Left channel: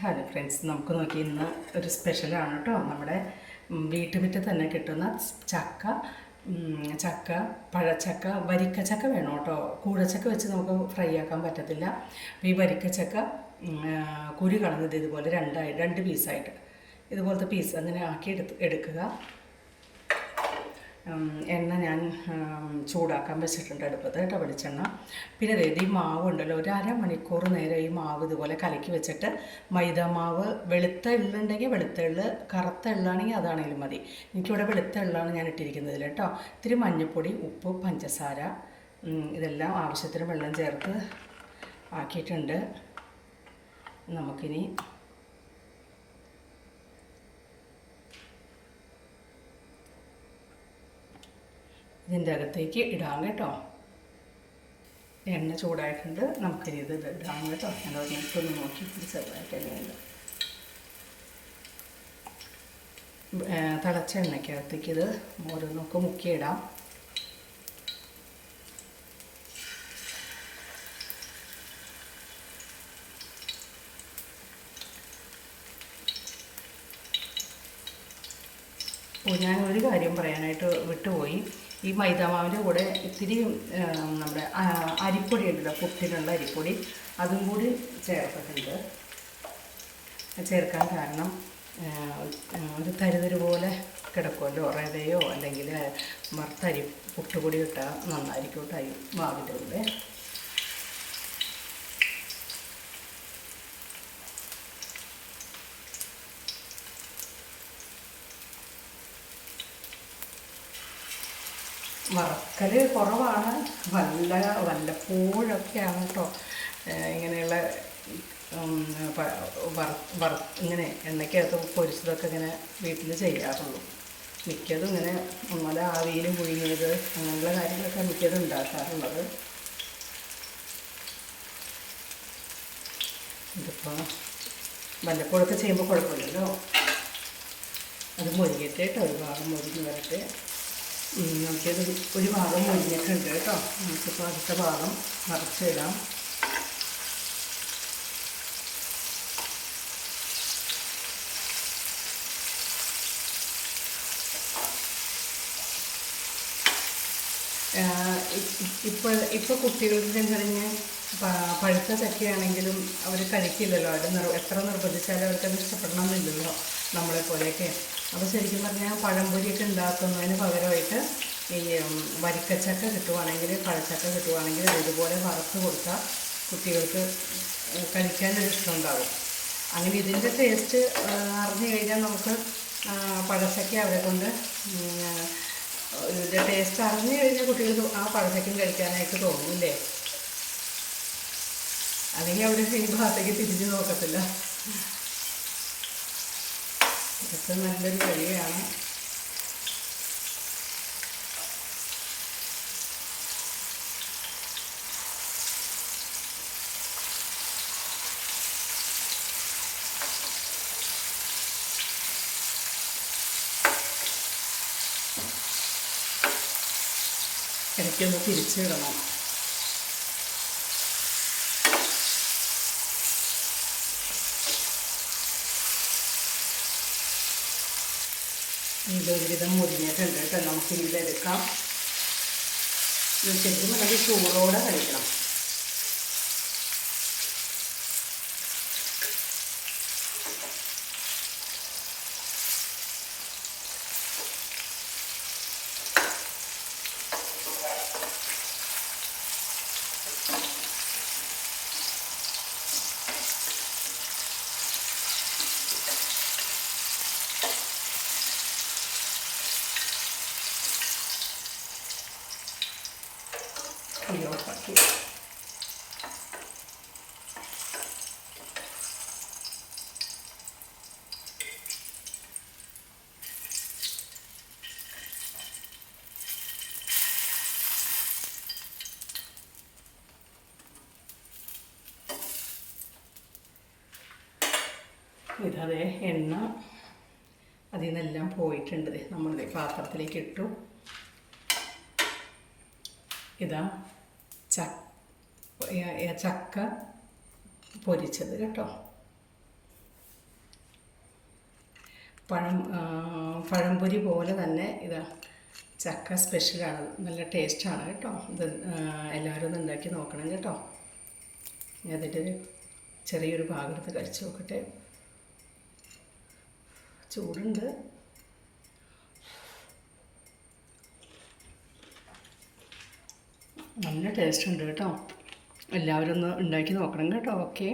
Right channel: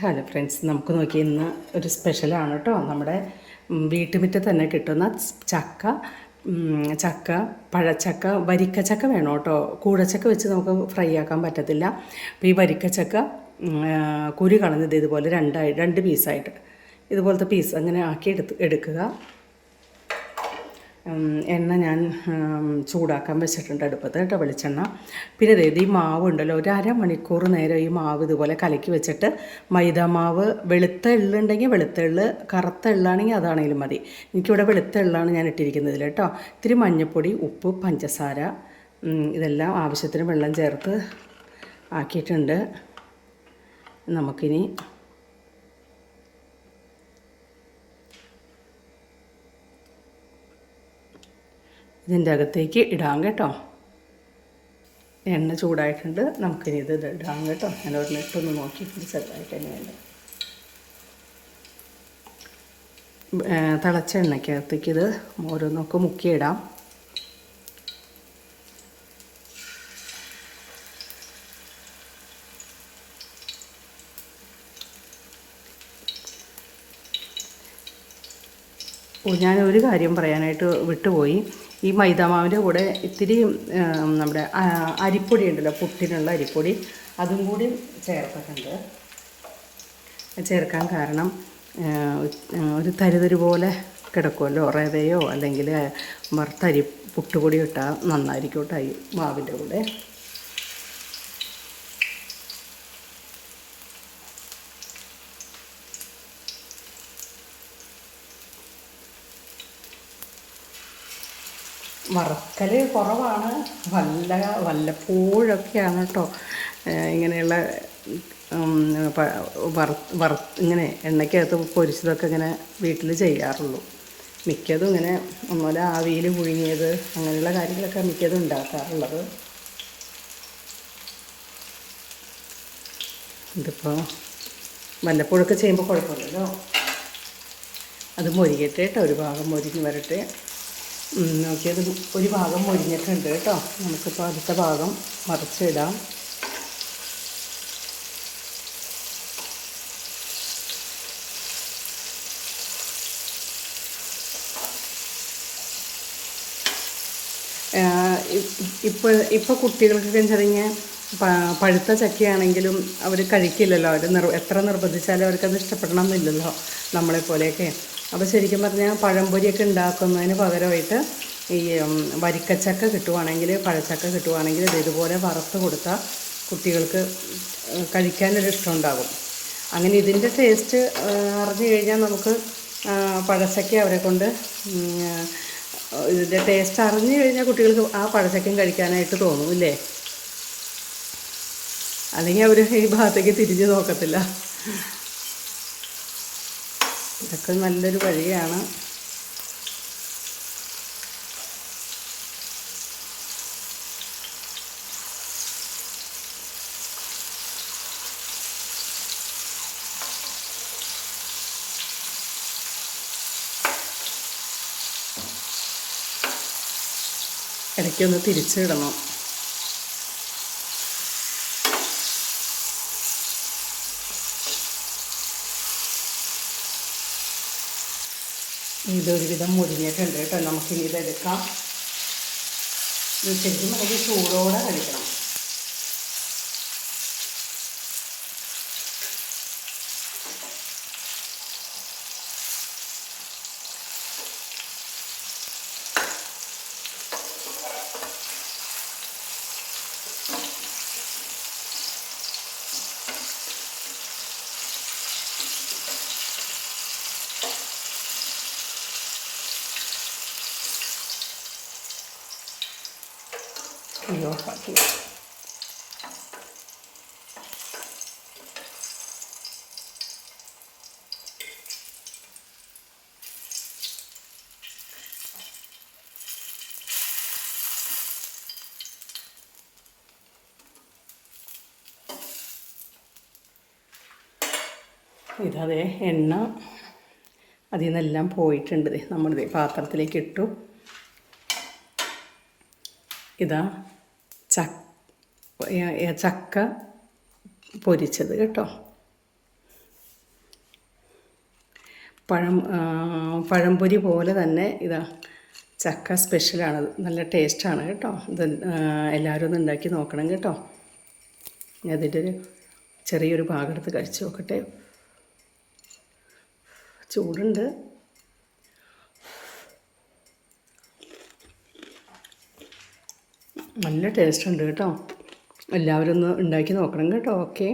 Hello friends, നമുക്ക് നോക്കി ഇന്ന് ഒരു സ്പെഷ്യലാണ് കേട്ടോ. നമ്മുടെ വീട്ടുമുറ്റത്ത് തന്നെ കിട്ടുന്ന ചക്ക ചക്ക പഴച്ചക്ക, വരിക്കച്ചക്ക വേണം കേട്ടോ. കൂഴച്ചക്ക വെച്ച് നമുക്ക് ഫ്രൈ ആക്കാൻ പറ്റത്തില്ല. അപ്പോൾ ഈ വരിക്കച്ചക്ക കുരു കളഞ്ഞത് ഇതുപോലെ രണ്ട് പീസായിട്ട് ഇതുപോലത്തെ പീസ് അങ്ങനെ ആക്കി എടുക്കുക. എണ്ണ ഞാൻ ചൂടാക്കാൻ വെച്ചിട്ടുണ്ട് അടുപ്പത്ത് കേട്ടോ, വെളിച്ചെണ്ണ. പിന്നെ ഈ മാവ് ഉണ്ടല്ലോ, ഒരു അരമണിക്കൂർ നേരം ഈ മാവ് ഇതുപോലെ കലക്കി വെച്ചിട്ട് മൈദ മാവ്, വെളുത്ത എള്ളുണ്ടെങ്കിൽ വെളുത്ത എള്ള്, കറുത്ത എള്ളാണെങ്കിൽ അതാണെങ്കിലും മതി. എനിക്കിവിടെ വെളുത്ത എള്ളാണ് ഞാൻ ഇട്ടിരിക്കുന്നതിൽ കേട്ടോ. ഇത്തിരി മഞ്ഞൾപ്പൊടി, ഉപ്പ്, പഞ്ചസാര, ഇതെല്ലാം ആവശ്യത്തിന് വെള്ളം ചേർത്ത് ആക്കിയിട്ടുണ്ട്. നമുക്കിനി ഇതിൻ്റെ അകത്തേക്ക് ഇടാം കേട്ടോ. എണ്ണ ചൂടായിട്ടുണ്ട്, നമുക്കിനി ഇത് ഇടാം കേട്ടോ. ഞാൻ ഒരിട്ടൊന്ന് നോക്കി ചെറുതായിട്ട് തന്നെ വേണ്ട. തിളച്ച എണ്ണയ്ക്കകത്തേക്ക് ഇത് ഓരോന്നൊക്കെ മുക്കിയിടാം. ഞാനൊരു കാര്യം പറയാനായിട്ട് വിട്ടുപോയി. ഈ മൈദാമാവിൻ്റെ കൂടെ ഇത്തിരി നമ്മുടെ അരിപ്പൊടി ഉണ്ടല്ലോ, പുട്ടിനുള്ള അരിപ്പൊടി, അതും കൂടി ചേർത്തിട്ടുണ്ട്. ചേർക്കാൻ കാരണം ഒരു തരിതരി പോലെ കിടക്കുമല്ലോ, റവയോ അല്ലെങ്കിൽ വറുത്തരി പുട്ടുപൊടി ഇട്ടാൽ നന്നായിരിക്കും കേട്ടോ ഈ മാവിൻ്റെ കൂടെ. വറക്കൽ കുറവാണ്, വല്ലപ്പോഴൊക്കെയാണ് കേട്ടോ ഇങ്ങനെയുള്ള ഇങ്ങനെ എണ്ണയ്ക്കകത്ത് പൊരിച്ചതൊക്കെ ഇങ്ങനെ വീട്ടിൽ ചെയ്യാറുള്ളൂ. മിക്കതും ഇങ്ങനെ ഒന്നുമില്ല ആവിയിൽ പുഴുങ്ങിയത് അങ്ങനെയുള്ള കാര്യങ്ങളൊക്കെ മിക്കതും ഉണ്ടാക്കാറുള്ളത്. ഇതിപ്പോൾ വല്ലപ്പോഴൊക്കെ ചെയ്യുമ്പോൾ കുഴപ്പമില്ലല്ലോ. അത് മൊരിയട്ടെ കേട്ടോ, ഒരു ഭാഗം മൊരിഞ്ഞ് വരട്ടെ. നോക്കിയത് ഒരു ഭാഗം മൊരിഞ്ഞിട്ടുണ്ട് കേട്ടോ. നമുക്കിപ്പോൾ അടുത്ത ഭാഗം മറിച്ചിടാം. ഇപ്പോൾ കുട്ടികൾക്ക് ചെറിയ പഴുത്ത ചക്കയാണെങ്കിലും അവർ കഴിക്കില്ലല്ലോ. അവർ എത്ര നിർബന്ധിച്ചാലും അവർക്കത് ഇഷ്ടപ്പെടണമെന്നില്ലല്ലോ നമ്മളെപ്പോലെയൊക്കെ. അപ്പോൾ ശരിക്കും പറഞ്ഞാൽ പഴംപൊരിയൊക്കെ ഉണ്ടാക്കുന്നതിന് പകരമായിട്ട് ഈ വരിക്കച്ചക്ക കിട്ടുവാണെങ്കിൽ, പഴച്ചക്ക കിട്ടുവാണെങ്കിൽ ഇതുപോലെ വറുത്ത് കൊടുത്താൽ കുട്ടികൾക്ക് കഴിക്കാനൊരു ഇഷ്ടം ഉണ്ടാകും. അങ്ങനെ ഇതിൻ്റെ ടേസ്റ്റ് അറിഞ്ഞു കഴിഞ്ഞാൽ നമുക്ക് പഴച്ചക്ക അവരെ കൊണ്ട് ഇതിൻ്റെ ടേസ്റ്റ് അറിഞ്ഞു കഴിഞ്ഞാൽ കുട്ടികൾക്ക് ആ പഴച്ചക്കയും കഴിക്കാനായിട്ട് തോന്നും ഇല്ലേ. അല്ലെങ്കിൽ അവർ ഈ ഭാഗത്തേക്ക് തിരിഞ്ഞു നോക്കത്തില്ല. ഇതൊക്കെ നല്ലൊരു വഴിയാണ്. ഇടയ്ക്കൊന്ന് തിരിച്ചിടണം. ഇതൊരുവിധം മുരിഞ്ഞിട്ടുണ്ട് കേട്ടോ. നമുക്കിനി ഇതെടുക്കാം. ശരിക്കും നമുക്ക് ചൂടോടെ കഴിക്കണം. ഓഫാക്കി ഇതേ എണ്ണ അതിൽ നിന്നെല്ലാം പോയിട്ടുണ്ട്. നമ്മളിത് പാത്രത്തിലേക്ക് ഇട്ടു. ഇതാ ചക്ക പൊരിച്ചത് കേട്ടോ. പഴംപൊരി പോലെ തന്നെ ഇതാ ചക്ക സ്പെഷ്യലാണ്. നല്ല ടേസ്റ്റാണ് കേട്ടോ. ഇത് എല്ലാവരും ഒന്ന് ഉണ്ടാക്കി നോക്കണം കേട്ടോ. അതിൻ്റെ ഒരു ചെറിയൊരു ഭാഗം എടുത്ത് കഴിച്ച് നോക്കട്ടെ. ചൂടുണ്ട്. നല്ല ടേസ്റ്റ് ഉണ്ട് കേട്ടോ. എല്ലാവരും ഒന്ന് ഉണ്ടാക്കി നോക്കണം കേട്ടോ. ഓക്കെ.